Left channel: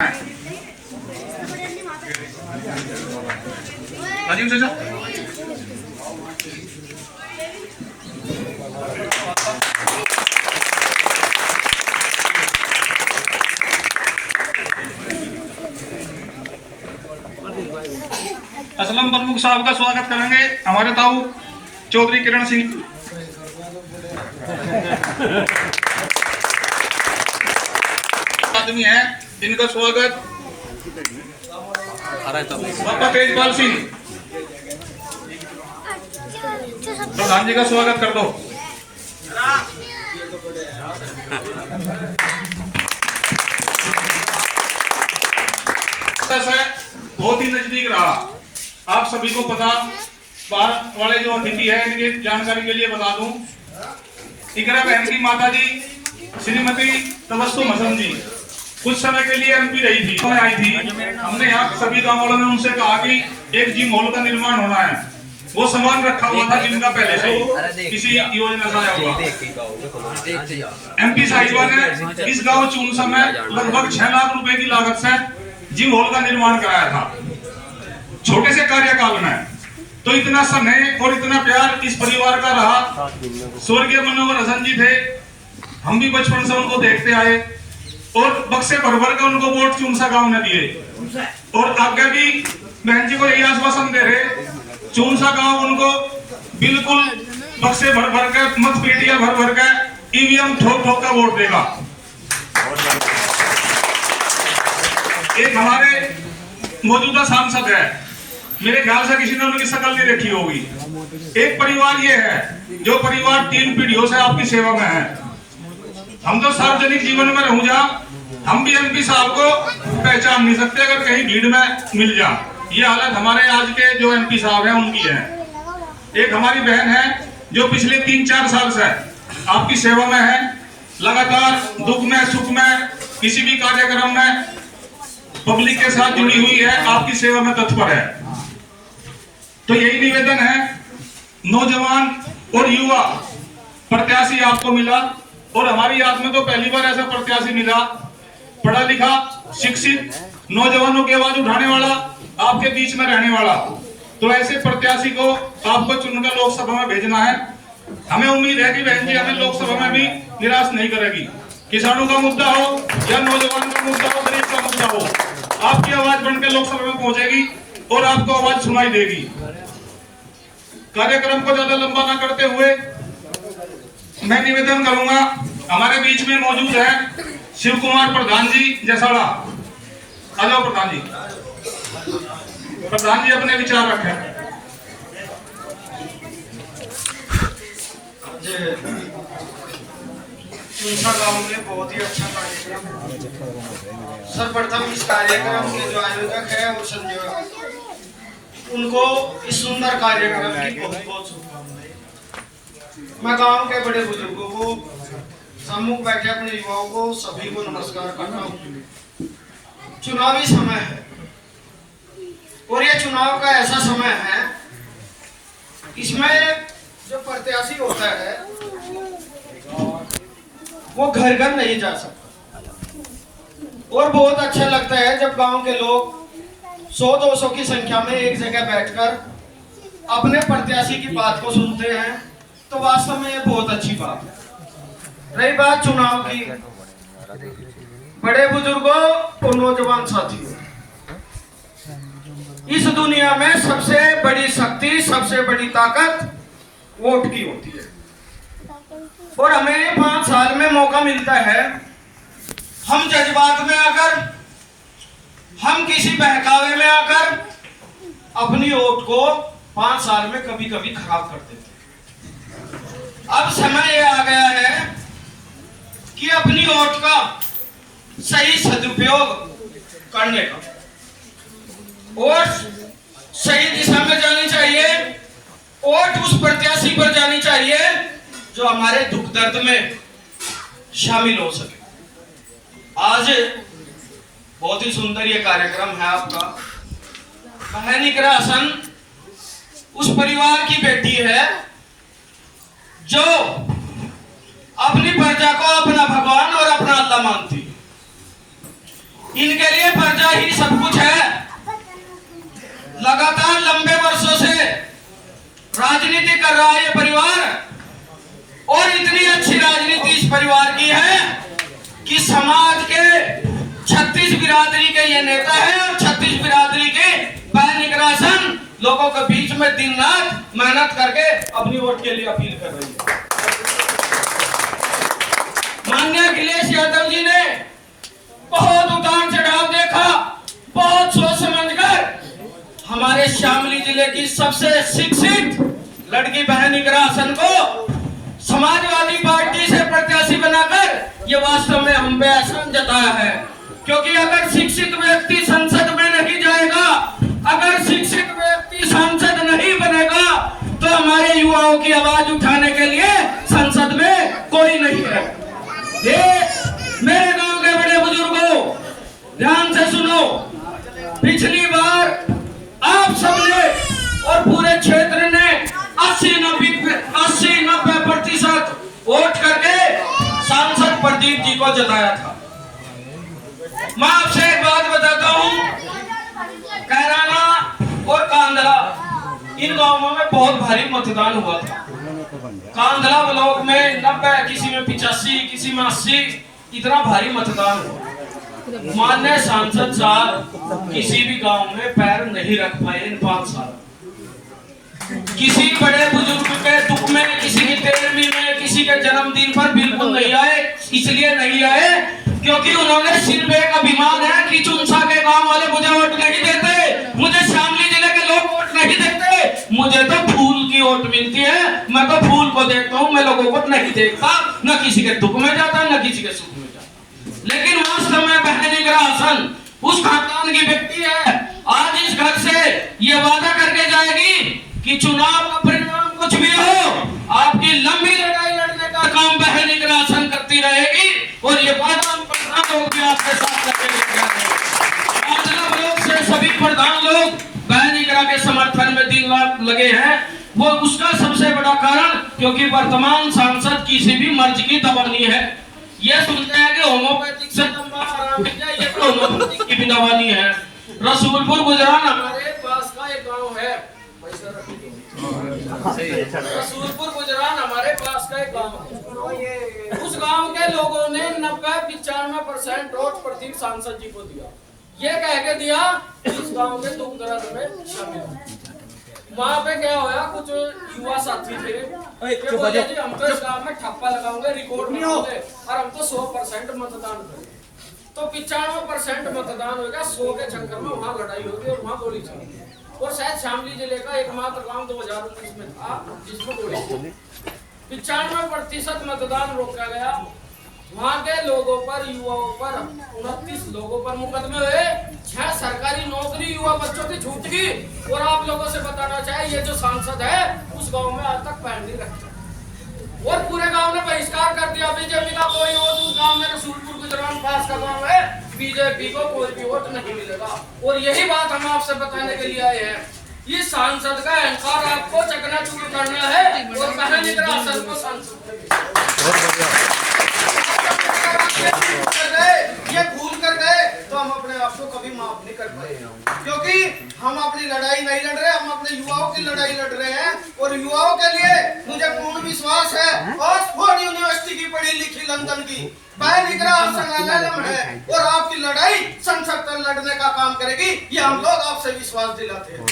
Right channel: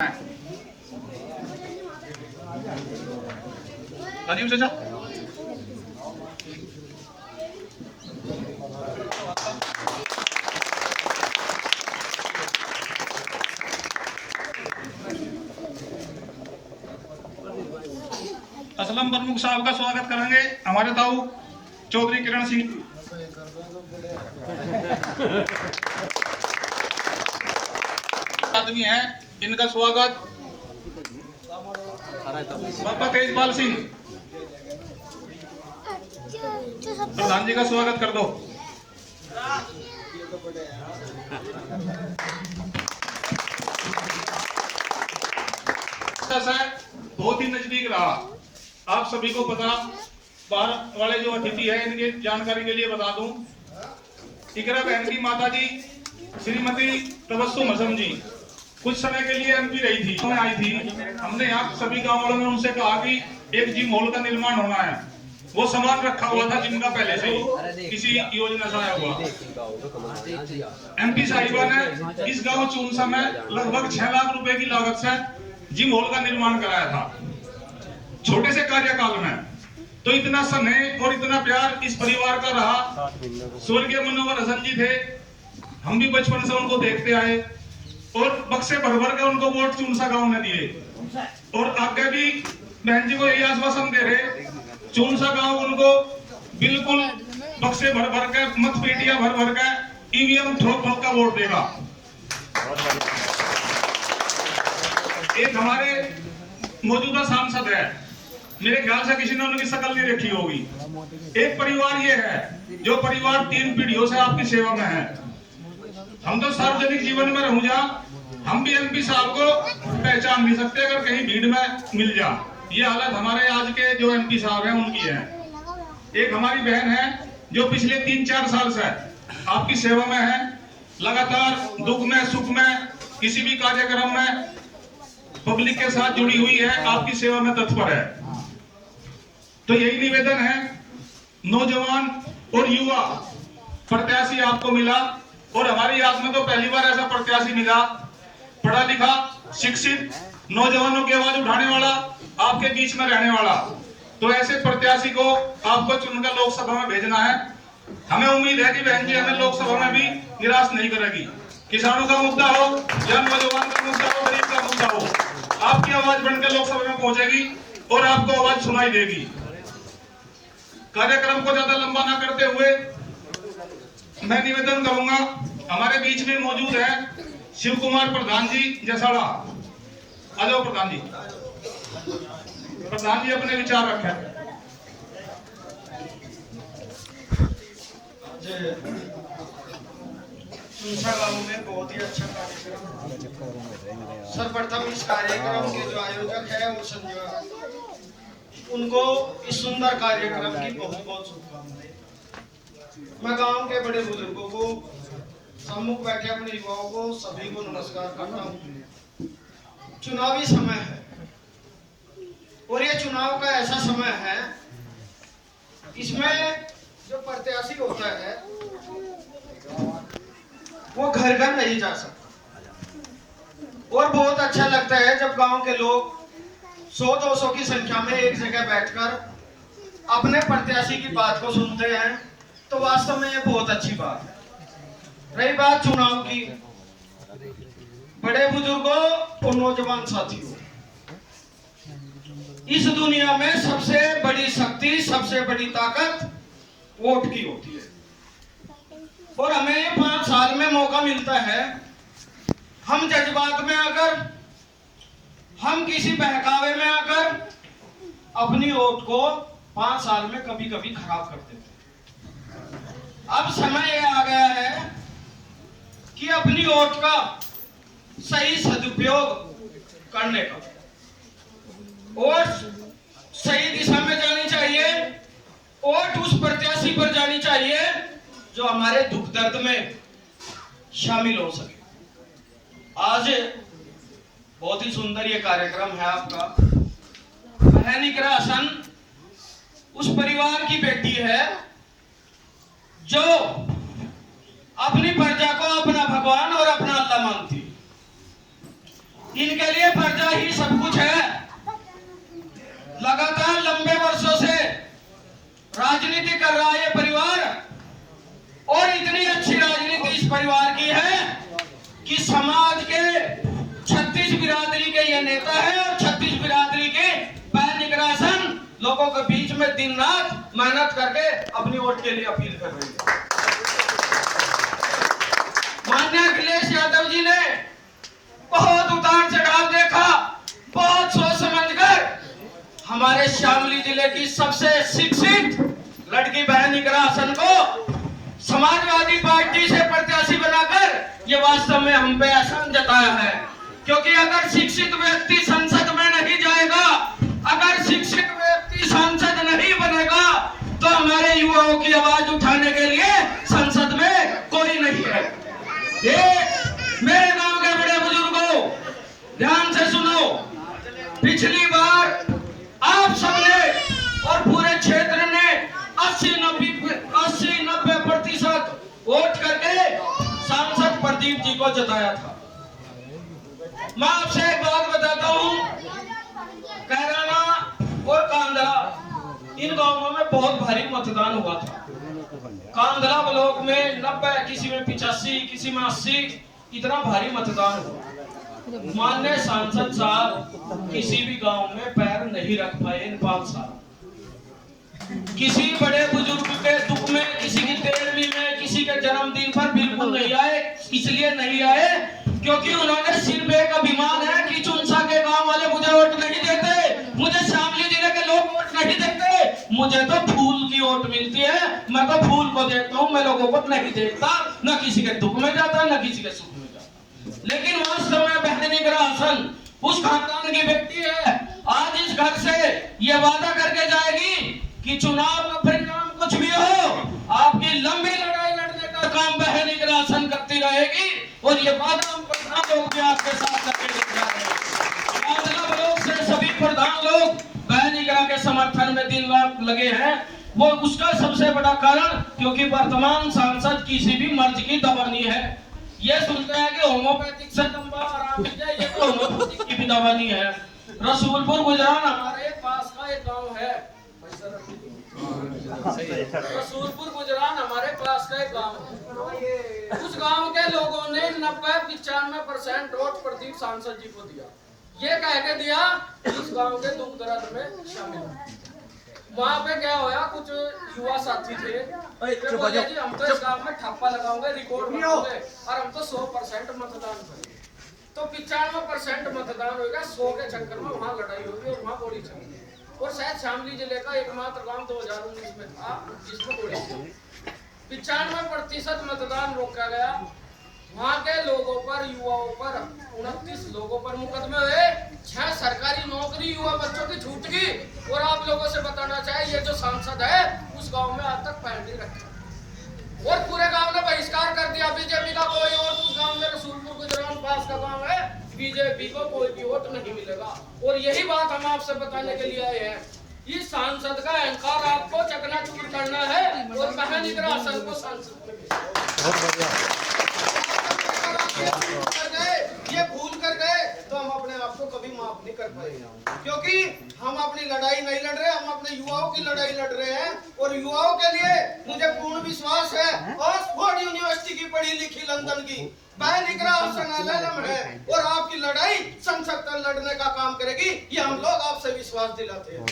राजीव चाचा असलम प्रमुख साहब का स्वागत करेंगे हमारे ताऊ चौधरी किरण सिंह। आदमी है इनका स्वागत बाबा तेजपाल सिंह। प्रधान जी का स्वागत कर दो। बहुत ही नजदीक रहा। आप सभी को पता बाहर वाले जो अतिथि है इनकी जानकारी के लिए बता दूं, इकरा बहन की माता जी श्रीमती तबस्सुम हसन जी कुछ समय के लिए एमपी रही थी, आई थी। हमने यहाँ सभी गाँव वालों ने उनसे कहा कि एक जिम हॉल का निर्माण होना है। वो सामान रखा हुआ था जिनका पहले से किसी योजना से आया हुआ। एमपी साहिबा ने इस गांव चूनसा में लगभग 6 लाख रुपए की लागत से जिम हॉल का निर्माण कराया था छोटे से कार्यकाल में। तो इतना स्नेह और इतना प्यार इस परिवार का रहा। स्वर्गीय मनोहर हसन जी थे, हम भी बचपन से उनको देखते आए और बक्से भर भर के उनको वोट चूनसा गांव ने दिए और आगे भी बहन जी को यही आश्वासन दे रहे चूनसा गांव उनको बिल्कुल बक्से भर भर के मत पेटियां भर भर के ईवीएम ठोक ठोक का वोट देगा। एक हमारे मौजूदा सांसद है, मेरे ख्याल से किसी ने उनकी शक्ल नहीं देखी होगी। एक परिवार ये है जो परिवार 3 पीढ़ियों से आपकी सेवा में है। हम तो सार्वजनिक जीवन में रहूं जा, हम भी एमपी साहब को पहचान नहीं सकते अगर कहीं भीड़ में मिल जा। ये हालत हमारे आज के जो एमपी साहब हैं उनकी है। एक हमारी बहन है जो पिछले 3-4 साल से आपकी सेवा में है, लगातार दुख में सुख में किसी भी कार्यक्रम में पब्लिक के साथ जुड़ी हुई है, आपकी सेवा में तत्पर है। तो यही निवेदन है, नौजवान और युवा प्रत्याशी आपको मिला और हमारी याद में तो पहली बार ऐसा प्रत्याशी मिला, पढ़ा लिखा शिक्षित नौजवानों की आवाज उठाने वाला, आपके बीच में रहने वाला। तो ऐसे प्रत्याशी को आपको चुनकर लोकसभा में भेजना है। हमें उम्मीद है कि बहन जी हमें लोकसभा में भी निराश नहीं करेगी। किसानों का मुद्दा हो या नौजवान का मुद्दा हो, गरीब का मुद्दा हो, आपकी आवाज बनकर लोकसभा में पहुंचेगी और आपको आवाज सुनाई देगी। कार्यक्रम को ज्यादा लंबा ना करते हुए मैं निवेदन करूंगा, हमारे बीच में मौजूद है शिव कुमार प्रधान जी जसाड़ा। आ जाओ प्रधान जी। प्रधान जी अपने विचार रखें। चूनसा गांव में बहुत ही अच्छा कार्यक्रम। सर्वप्रथम इस कार्यक्रम के जो आयोजक है वो संजय, उनको इस सुंदर कार्यक्रम की बहुत बहुत शुभकामनाएं। मैं गांव के बड़े बुजुर्गों को, सम्मुख बैठे अपने युवाओं को, सभी को नमस्कार करता हूँ। चुनावी समय है और ये चुनाव का ऐसा समय है, इसमें जो प्रत्याशी होता है वो घर घर नहीं जा सकता और बहुत अच्छा लगता है जब गांव के लोग 100-200 की संख्या में एक जगह बैठकर अपने प्रत्याशी की बात को सुनते हैं। तो वास्तव में ये बहुत अच्छी बात है। रही बात चुनाव की, बड़े बुजुर्गों और नौजवान साथियों, इस दुनिया में सबसे बड़ी शक्ति, सबसे बड़ी ताकत वोट की होती है और हमें 5 साल में मौका मिलता है। हम जज्बात में आकर, हम किसी बहकावे में आकर अपनी वोट को 5 साल में कभी कभी खराब कर देते हैं। अब समय यह आ गया है कि अपनी वोट का सही सदुपयोग करने का, वोट सही दिशा में जानी चाहिए। वोट उस प्रत्याशी पर जानी चाहिए जो हमारे दुख दर्द में शामिल हो सके। आज बहुत ही सुंदर ये कार्यक्रम है आपका। बहन इकरा हसन उस परिवार की बेटी है जो अपनी प्रजा को अपना भगवान और अपना अल्लाह मानती है। इनके लिए प्रजा ही सब कुछ है। लगातार लंबे वर्षों से राजनीति कर रहा है ये परिवार, और इतनी अच्छी राजनीति इस परिवार की है कि समाज के 36 बिरादरी के ये नेता है, और 36 बिरादरी के निगरासन लोगों के बीच में दिन रात मेहनत करके अपनी वोट के लिए अपील कर रही है। माननीय अखिलेश यादव जी ने बहुत उतार चढ़ाव देखा, बहुत सोच समझकर हमारे शामली जिले की सबसे शिक्षित लड़की बहन इकरा हसन को समाजवादी पार्टी से प्रत्याशी बनाकर ये वास्तव में हम पे एहसान जताया है। क्योंकि अगर शिक्षित व्यक्ति संसद में नहीं जाएगा, अगर शिक्षित व्यक्ति सांसद नहीं बनेगा, तो हमारे युवाओं की आवाज उठाने के लिए संसद में कोई नहीं है। ये मेरे गांव के बड़े बुजुर्गों, ध्यान से सुनो। पिछली बार आप सबने और पूरे क्षेत्र ने 80-90% वोट करके सांसद प्रदीप जी को जिताया था। मैं आपसे एक बात बताता हूं, कैराना और कांदला इन गांवों में बहुत भारी मतदान हुआ था। कांदला ब्लॉक में 90, किसी में 85, किसी में 80, इतना भारी मतदान हुआ। माननीय सांसद साहब किसी भी गांव में पैर नहीं रख पाए इन 5 साल। किसी बड़े बुजुर्ग के दुख में, किसी की 13वीं में, किसी के जन्मदिन पर बिल्कुल नहीं आए। इसलिए नहीं आए क्योंकि उन्होंने सिर्फ एक अभिमान है कि चुनसा के गांव वाले मुझे वोट नहीं देते, मुझे शामली जिले के लोग वोट नहीं देते, मुझे तो फूल की वोट मिलती है, मैं तो फूल को देखता हूं, मैं लोगों को नहीं देखता, न किसी के दुख में जाता न किसी के सुख में जाता। लेकिन वास्तव में बहन इकरा हसन उस खानदान की व्यक्ति है। आज इस घर से ये वादा करके जाएगी कि चुनाव का परिणाम कुछ भी हो, आपकी लंबी लड़ाई लड़ने का काम बहन इकरा हसन करती रहेगी, और ये वादा हम प्रधान लोग भी आपके साथ करके लोग से सभी प्रधान लोग बहन इकरा के समर्थन में दिन रात लगे हैं। वो उसका सबसे बड़ा कारण क्योंकि वर्तमान सांसद किसी भी मर्ज की दवा नहीं है। ये सुनते हैं कि होम्योपैथिक से लंबा आराम मिल जाए, ये होम्योपैथिक की भी दवा नहीं है। रसूलपुर गुजरान हमारे पास का एक गाँव है, रसूलपुर गुजरान हमारे पास का एक गाँव है। उस गांव के लोगों ने 90-95% वोट प्रदीप सांसद जी को दिया। ये कह के दिया इस गांव के दुख दर्द में शामिल। वहाँ पे क्या होया, कुछ युवा साथी थे, बोले जी हम तो इस गांव में ठप्पा लगाऊंगे, रिकॉर्ड बनाऊंगे, और हम तो 100% मतदान करेंगे। तो 95% मतदान होगा, 100 के चक्कर में वहाँ लड़ाई होगी और वहाँ गोली चलेगी। और शायद शामली जिले का एकमात्र गांव 2019 में था जिसमें गोली चली। 95% मतदान रोका गया। वहाँ के लोगों पर, युवाओं पर, 29 लोगों पर मुकदमे हुए। 6 सरकारी नौकरी युवा बच्चों की छूट गई। और आप लोगों से बताना चाहिए, ये जो सांसद है उस गांव में आज तक पैर नहीं रखा, और पूरे गांव ने बहिष्कार कर दिया। बीजेपी का कोई वोट उस गांव में, रसूलपुर गुजरान पास का गांव है, बीजेपी को कोई भी वोट नहीं मिलेगा। और यही बात हम आपसे बताने के लिए आए हैं। ये सांसद का अहंकार आपको चकनाचूर करना है, और बहन इकरा हसन को सांसद ये भूल कर गए तो हम अपने आप को कभी माफ नहीं कर पाए, क्योंकि हम अपनी लड़ाई नहीं लड़ रहे, हम अपने युवाओं की लड़ाई लड़ रहे हैं। और युवाओं के लिए मुझे पूर्ण विश्वास है, ऑक्सफोर्ड यूनिवर्सिटी की पढ़ी लिखी लंदन की बहन इकरा हसन है, और आपकी लड़ाई संसद तक लड़ने का काम करेगी, ये हम लोग आपसे विश्वास दिलाते हैं।